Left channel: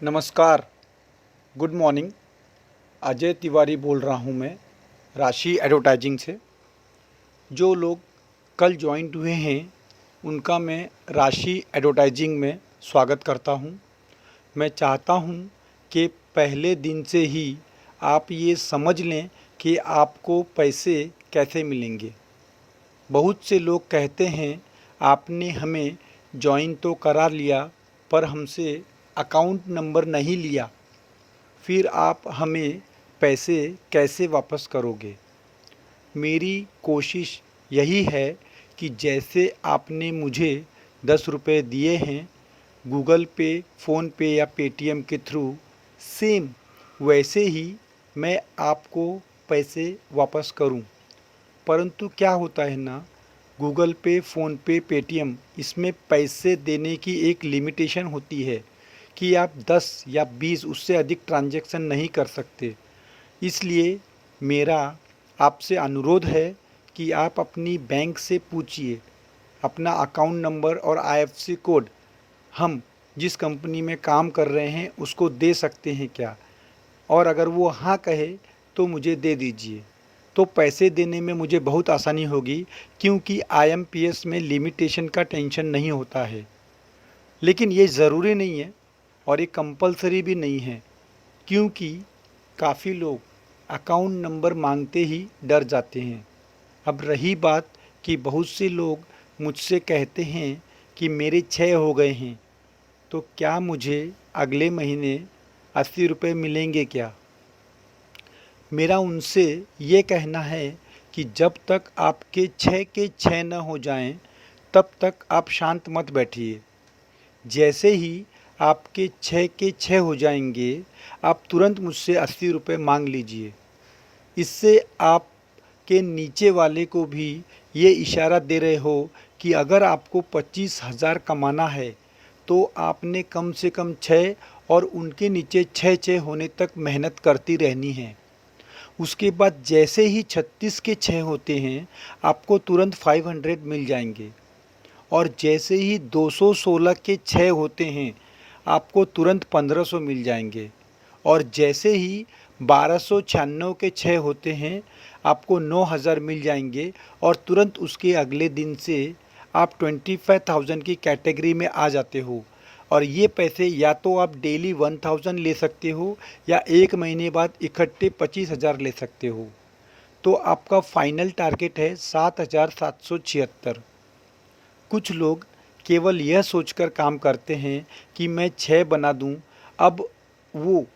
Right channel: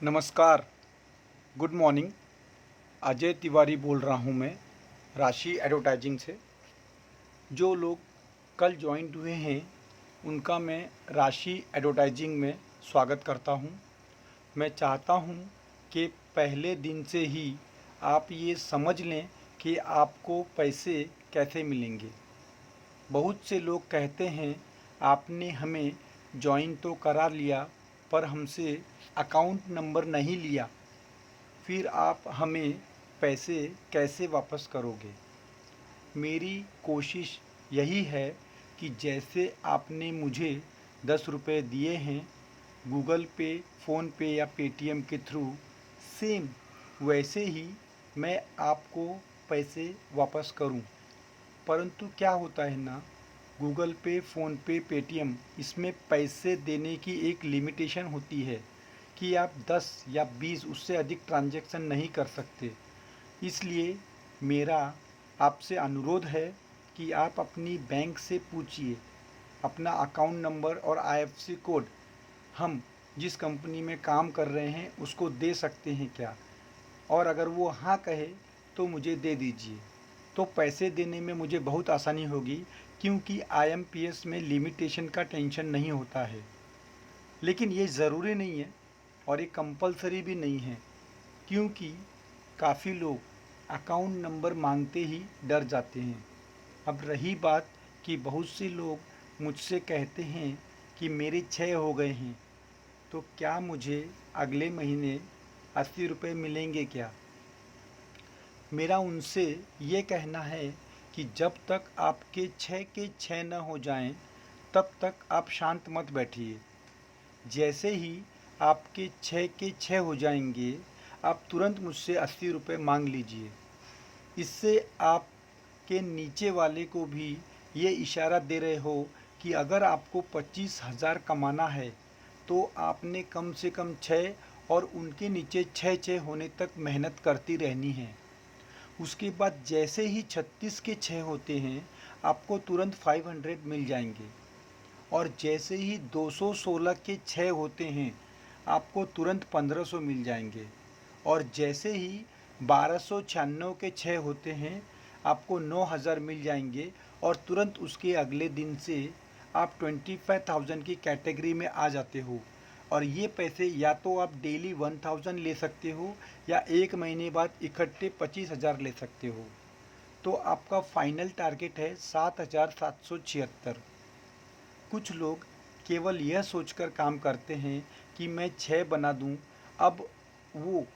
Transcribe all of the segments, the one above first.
नमस्कार, good morning. Ajay Tiwari बोल रहा हूँ मैं, राशि एडवर्टाइजिंग से। जो लोग कल जॉइंट हुए हैं, उनका मैं राशि एडवर्टाइजिंग में स्वागत करता हूँ। मैं चाहता हूँ कि पहले दिन से ही आप ये समझ लें कि आपको पैसे कैसे मिलेंगे। बहुत से लोग कहते हैं, आपने हमें जॉइन तो करा लिया, पर हमसे अकाउंट नंबर नहीं लिया, फिर आप हमें पैसे कैसे वापस करोगे। मेरी कोशिश यही है कि जैसे आपने मुझे 10 रुपये दिए हैं गूगल पे, फ़ोन पे या पेटीएम के थ्रू, सेम वैसे ही मैं आपको पैसे वापस करूं। परंतु क्या होता है ना, गूगल पे, फ़ोन पे, पेटीएम, इसमें पैसे देने की एक लिमिटेशन होती है कि आप 10 या 20 उससे अधिक ट्रांजैक्शन नहीं कर सकते। इसलिए मेरा आपसे अनुरोध है कि आप अपनी बैंक से पूछिए, अपना अकाउंट नंबर और आईएफएससी कोड हम जिस कंपनी में काम कर रहे हैं उसको दे सकते हैं क्या, और अगर वो हाँ कहे तो मुझे दे दीजिए। तो पैसे देने में मुझे बहुत आसानी होगी, क्योंकि आईएमपीएस में लिमिटेशन का टेंशन नहीं होता है। लेकिन ये ज़रूरी नहीं है और ये कंपलसरी भी नहीं है, क्योंकि काफ़ी लोग अकाउंट नंबर मांगते ही डर जाते हैं। अब रही बात कि बहुत से लोग मुझसे कहते हैं कि मेरे 6 हो गए हैं, तो क्या मुझे अगले महीने 80 रुपये मिलेंगे क्या। मेरा उनसे ये कहना है कि जब तक आपके 6 के 6 न हो जाएं, तब तक आप शांत मत बैठिए। जैसे ही आपके 6 के 6 हो जाएंगे, आप तुरंत मुझसे 80 रुपये मांग लीजिए। इससे आपके नीचे वाले को भी ये इशारा दे रहे हो कि अगर आपको 25,000 कमाना है, तो आपने कम से कम 6 और उनके नीचे 6 होने तक मेहनत करती रहनी है। उसके बाद जैसे ही 36 के 6 होते हैं, आपको तुरंत 500 मिल जाएंगे। और जैसे ही 216 के 6 होते हैं, आपको तुरंत 1500 मिल जाएंगे। और जैसे ही 1296 के 6 होते हैं, आपको 9000 मिल जाएंगे। और तुरंत उसके अगले दिन से आप 25,000 की कैटेगरी में आ जाते हो। और ये पैसे या तो आप डेली 1000 ले सकते हो, या एक महीने बाद इकट्ठे 25,000 ले सकते हो। तो आपका फाइनल टारगेट है 7,776। कुछ लोग केवल यह सोचकर काम करते हैं कि मैं 6 बना दूं, अब वो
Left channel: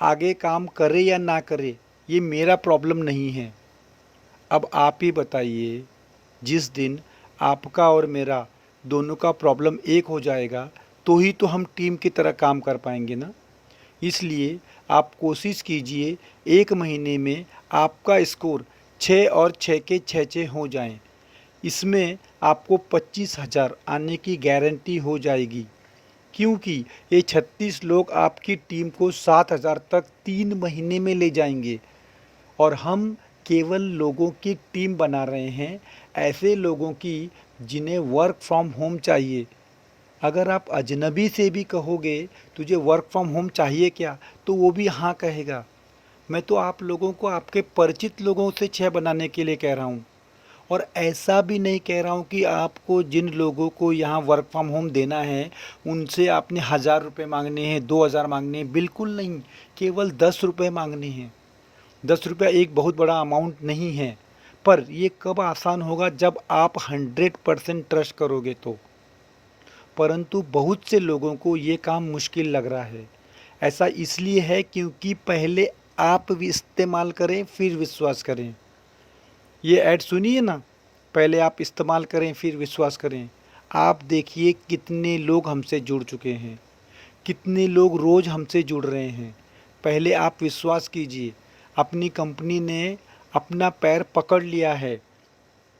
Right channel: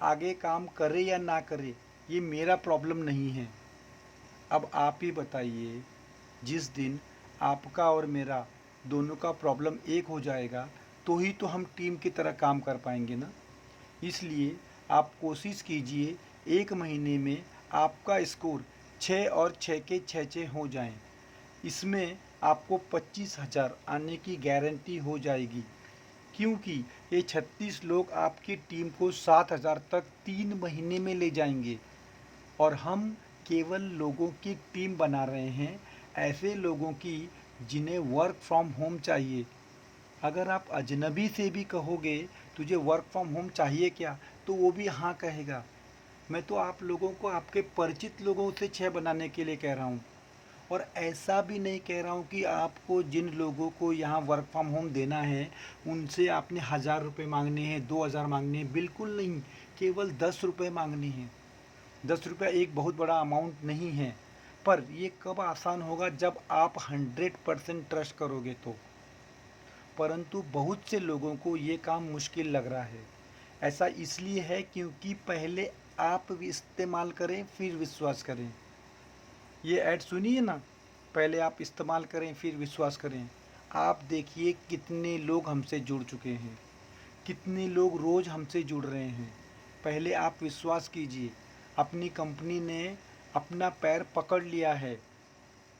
आगे काम करे या ना करे, ये मेरा प्रॉब्लम नहीं है। अब आप ही बताइए, जिस दिन आपका और मेरा दोनों का प्रॉब्लम एक हो जाएगा, तो ही तो हम टीम की तरह काम कर पाएंगे ना। इसलिए आप कोशिश कीजिए एक महीने में आपका स्कोर 6 और 6 के 6 हो जाएं। इसमें आपको 25,000 आने की गारंटी हो जाएगी, क्योंकि ये 36 लोग आपकी टीम को 7,000 तक 3 महीने में ले जाएंगे। और हम केवल लोगों की टीम बना रहे हैं, ऐसे लोगों की जिन्हें वर्क फ्रॉम होम चाहिए। अगर आप अजनबी से भी कहोगे तुझे वर्क फ्रॉम होम चाहिए क्या, तो वो भी हाँ कहेगा। मैं तो आप लोगों को आपके परिचित लोगों से 6 बनाने के लिए कह रहा हूँ। और ऐसा भी नहीं कह रहा हूँ कि आपको जिन लोगों को यहाँ वर्क फ्रॉम होम देना है उनसे आपने 1000 रुपये मांगने हैं, 2000 मांगने हैं, बिल्कुल नहीं। केवल 10 रुपये मांगने हैं। 10 रुपया एक बहुत बड़ा अमाउंट नहीं है। पर ये कब आसान होगा, जब आप 100% ट्रस्ट करोगे तो। परंतु बहुत से लोगों को ये काम मुश्किल लग रहा है। ऐसा इसलिए है क्योंकि पहले आप भी इस्तेमाल करें फिर विश्वास करें। ये ऐड सुनिए ना, पहले आप इस्तेमाल करें फिर विश्वास करें। आप देखिए कितने लोग हमसे जुड़ चुके हैं, कितने लोग रोज़ हमसे जुड़ रहे हैं। पहले आप विश्वास कीजिए। अपनी कंपनी ने अपना पैर पकड़ लिया है।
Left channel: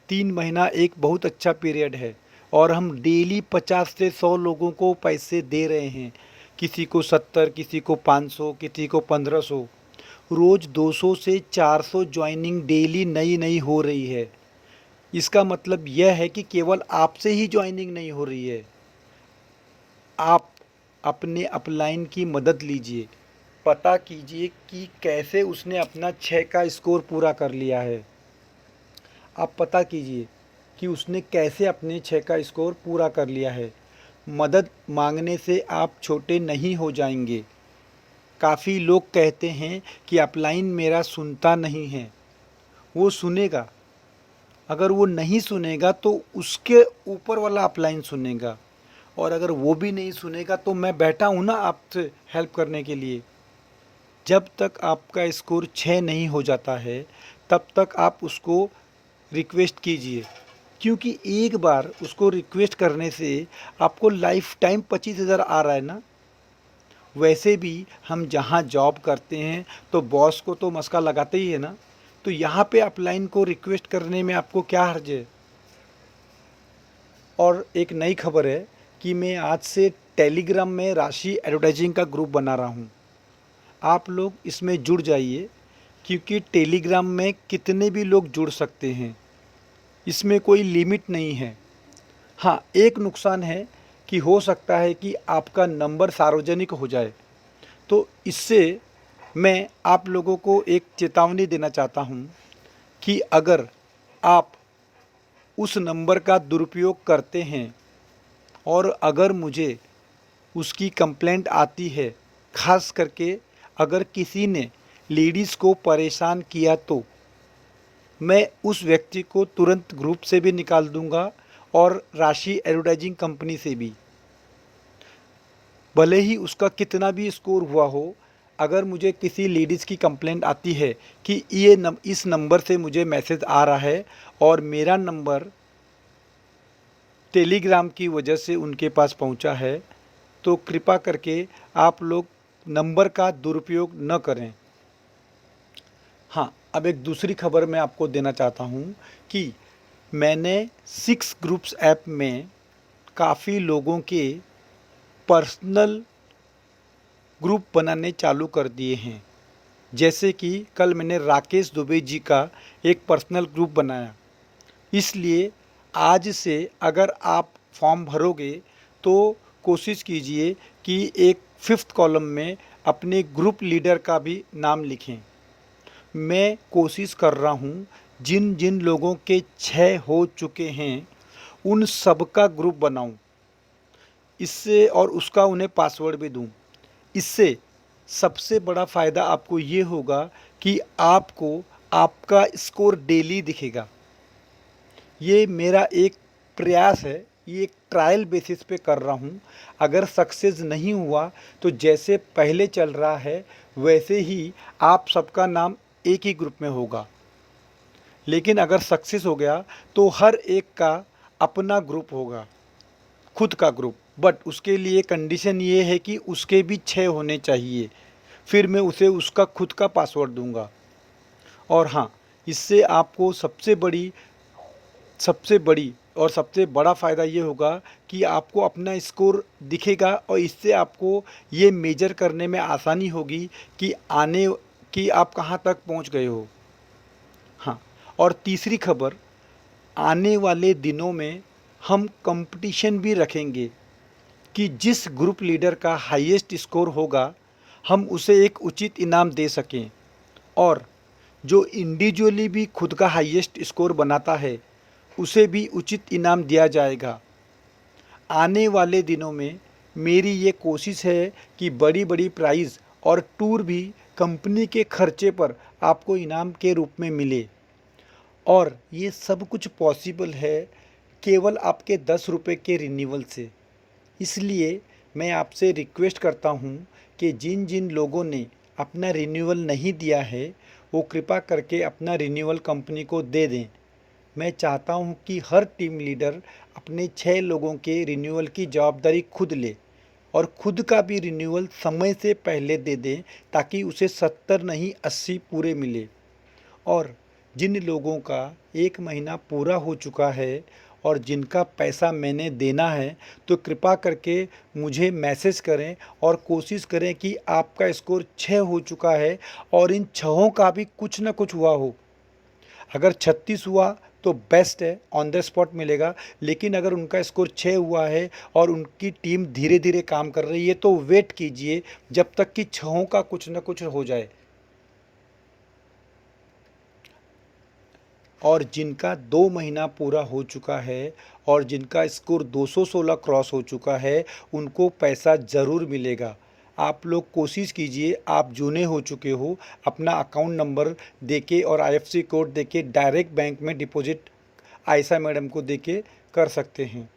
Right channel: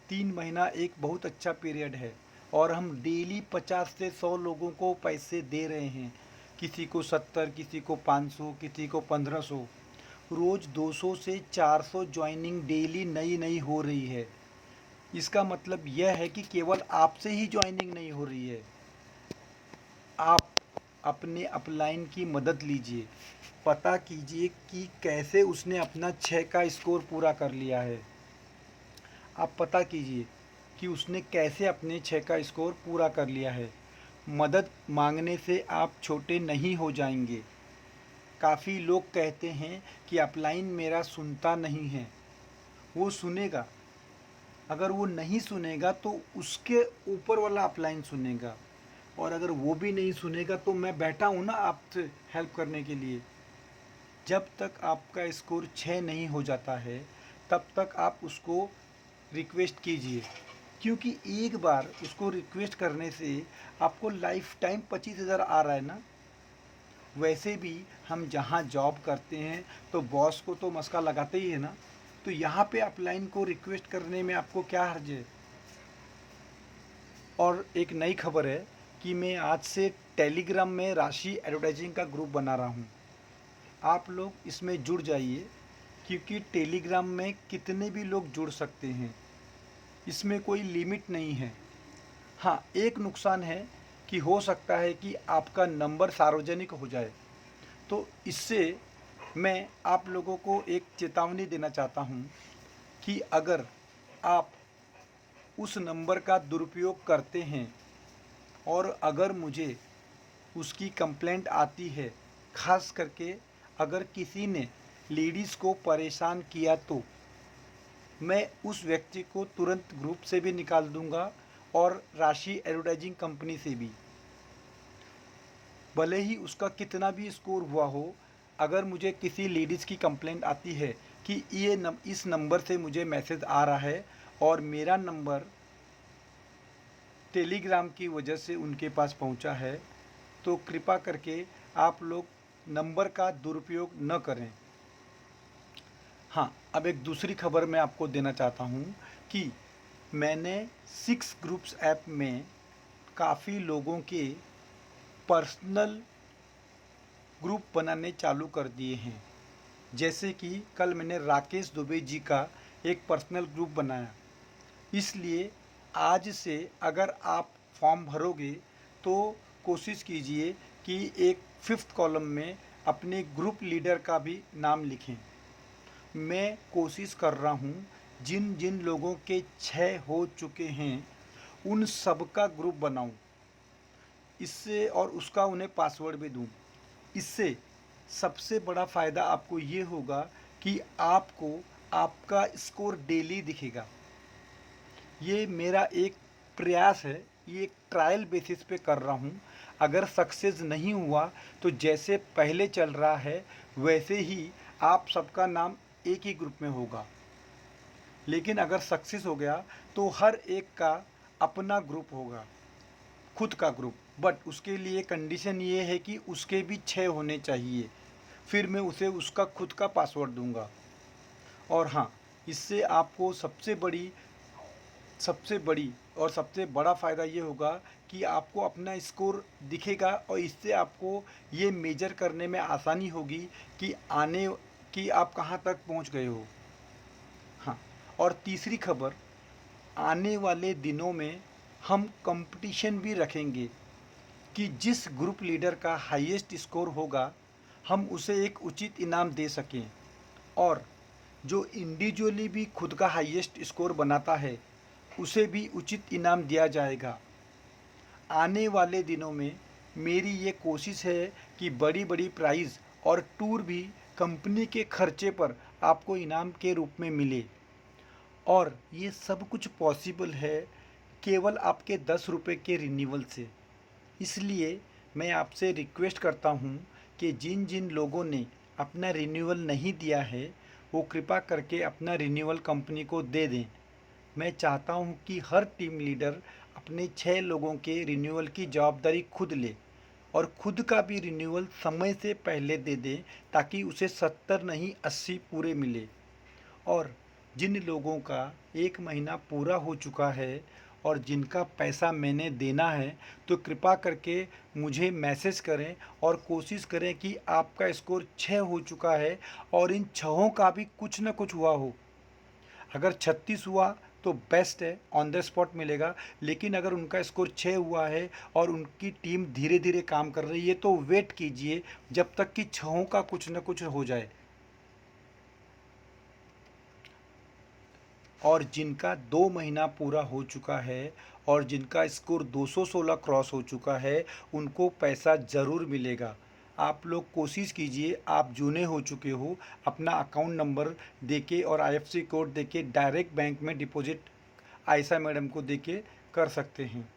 3 महीना एक बहुत अच्छा पीरियड है, और हम डेली 50 से 100 लोगों को पैसे दे रहे हैं। किसी को 70, किसी को 500, किसी को 1500। रोज़ 200 से 400 ज्वाइनिंग डेली नई नई हो रही है। इसका मतलब यह है कि केवल आपसे ही ज्वाइनिंग नहीं हो रही है, आप अपने अपलाइन की मदद लीजिए। पता कीजिए कि कैसे उसने अपना 6 का स्कोर पूरा कर लिया है। आप पता कीजिए कि उसने कैसे अपने 6 का स्कोर पूरा कर लिया है। मदद मांगने से आप छोटे नहीं हो जाएंगे। काफ़ी लोग कहते हैं कि अपलाइन मेरा सुनता नहीं है। वो सुनेगा। अगर वो नहीं सुनेगा तो उसके ऊपर वाला अपलाइन सुनेगा, और अगर वो भी नहीं सुनेगा तो मैं बैठा हूँ ना आपसे हेल्प करने के लिए। जब तक आपका स्कोर 6 नहीं हो जाता है तब तक आप उसको रिक्वेस्ट कीजिए, क्योंकि एक बार उसको रिक्वेस्ट करने से आपको लाइफ टाइम 25,000 आ रहा है ना। वैसे भी हम जहाँ जॉब करते हैं तो बॉस को तो मस्का लगाते ही है ना, तो यहाँ पे अपलाइन को रिक्वेस्ट करने में आपको क्या हर्ज है। और एक नई खबर है कि मैं आज से टेलीग्राम में राशि एडवर्टाइजिंग का ग्रुप बना रहा हूँ। आप लोग इसमें जुड़ जाइए, क्योंकि टेलीग्राम में कितने भी लोग जुड़ सकते हैं, इसमें कोई लिमिट नहीं है। हाँ, एक नुकसान है कि हो सकता है कि आपका नंबर सार्वजनिक हो जाए। तो इससे मैं आप लोगों को एक चेतावनी देना चाहता हूँ कि अगर आप उस नंबर का दुरुपयोग करते हैं और अगर मुझे उसकी कंप्लेंट आती है, ख़ास करके अगर किसी ने लेडीज़ को परेशान किया, तो मैं उस व्यक्ति को तुरंत ग्रुप से भी निकाल दूंगा और राशि एडवर्टाइजिंग कंपनी से भी। भले ही उसका कितना भी स्कोर हुआ हो, अगर मुझे किसी लेडीज़ की कंप्लेंट आती है कि इस नंबर से मुझे मैसेज आ रहा है और मेरा नंबर टेलीग्राम की वजह से उनके पास पहुंचा है, तो कृपा करके आप लोग नंबर का दुरुपयोग न करें। हाँ, अब एक दूसरी खबर मैं आपको देना चाहता हूँ कि मैंने 6 ग्रुप्स ऐप में काफ़ी लोगों के पर्सनल ग्रुप बनाने चालू कर दिए हैं। जैसे कि कल मैंने राकेश दुबे जी का एक पर्सनल ग्रुप बनाया। इसलिए आज से अगर आप फॉर्म भरोगे तो कोशिश कीजिए कि एक 5th कॉलम में अपने ग्रुप लीडर का भी नाम लिखें। मैं कोशिश कर रहा हूँ जिन जिन लोगों के 6 हो चुके हैं उन सब का ग्रुप बनाऊँ, इससे और उसका उन्हें पासवर्ड भी दूँ। इससे सबसे बड़ा फ़ायदा आपको ये होगा कि आपको आपका स्कोर डेली दिखेगा। ये मेरा एक प्रयास है, ये एक ट्रायल बेसिस पे कर रहा हूँ। अगर सक्सेस नहीं हुआ तो जैसे पहले चल रहा है वैसे ही आप सबका नाम एक ही ग्रुप में होगा। लेकिन अगर सक्सेस हो गया तो हर एक का अपना ग्रुप होगा, खुद का ग्रुप। बट उसके लिए कंडीशन ये है कि उसके भी 6 होने चाहिए, फिर मैं उसे उसका खुद का पासवर्ड दूंगा। और हाँ, इससे आपको सबसे बड़ी और सबसे बड़ा फ़ायदा ये होगा कि आपको अपना स्कोर दिखेगा, और इससे आपको ये मेजर करने में आसानी होगी कि आप कहाँ तक पहुँच गए हो। हाँ, और तीसरी खबर, आने वाले दिनों में हम कंपटीशन भी रखेंगे कि जिस ग्रुप लीडर का हाईएस्ट स्कोर होगा हम उसे एक उचित इनाम दे सकें, और जो इंडिविजुअली भी खुद का हाईएस्ट स्कोर बनाता है उसे भी उचित इनाम दिया जाएगा। आने वाले दिनों में मेरी ये कोशिश है कि बड़ी बड़ी प्राइज़ और टूर भी कंपनी के खर्चे पर आपको इनाम के रूप में मिले, और ये सब कुछ पॉसिबल है केवल आपके 10 रुपये के रिन्यूअल से। इसलिए मैं आपसे रिक्वेस्ट करता हूँ कि जिन जिन लोगों ने अपना रिन्यूअल नहीं दिया है वो कृपा करके अपना रिन्यूअल कंपनी को दे दें। मैं चाहता हूँ कि हर टीम लीडर अपने 6 लोगों के रिन्यूअल की जवाबदारी खुद ले, और खुद का भी रिन्यूअल समय से पहले दे दें, ताकि उसे 70 नहीं 80 पूरे मिले। और जिन लोगों का 1 महीना पूरा हो चुका है और जिनका पैसा मैंने देना है, तो कृपा करके मुझे मैसेज करें और कोशिश करें कि आपका स्कोर 6 हो चुका है और इन 6 का भी कुछ ना कुछ हुआ हो। अगर 36 हुआ तो बेस्ट है, ऑन द स्पॉट मिलेगा। लेकिन अगर उनका स्कोर 6 हुआ है और उनकी टीम धीरे धीरे काम कर रही है तो वेट कीजिए जब तक कि 6 का कुछ ना कुछ हो जाए। और जिनका 2 महीना पूरा हो चुका है और जिनका स्कोर 216 क्रॉस हो चुका है, उनको पैसा ज़रूर मिलेगा। आप लोग कोशिश कीजिए, आप जूने हो चुके हो, अपना अकाउंट नंबर देके और आईएफएससी कोड देके डायरेक्ट बैंक में डिपॉजिट आयशा मैडम को देके कर सकते हैं।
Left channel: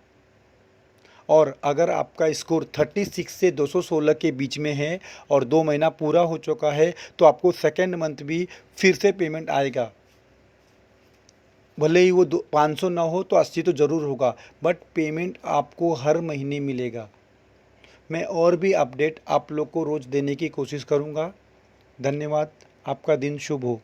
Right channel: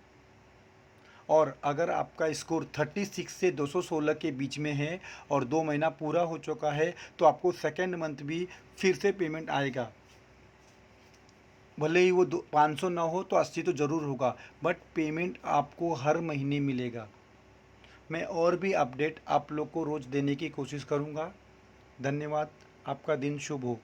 और अगर आपका स्कोर 36 से 216 के बीच में है और 2 महीना पूरा हो चुका है तो आपको सेकेंड मंथ भी फिर से पेमेंट आएगा। भले ही वो 500 ना हो तो 80 तो ज़रूर होगा, बट पेमेंट आपको हर महीने मिलेगा। मैं और भी अपडेट आप लोग को रोज़ देने की कोशिश करूँगा। धन्यवाद। आपका दिन शुभ हो।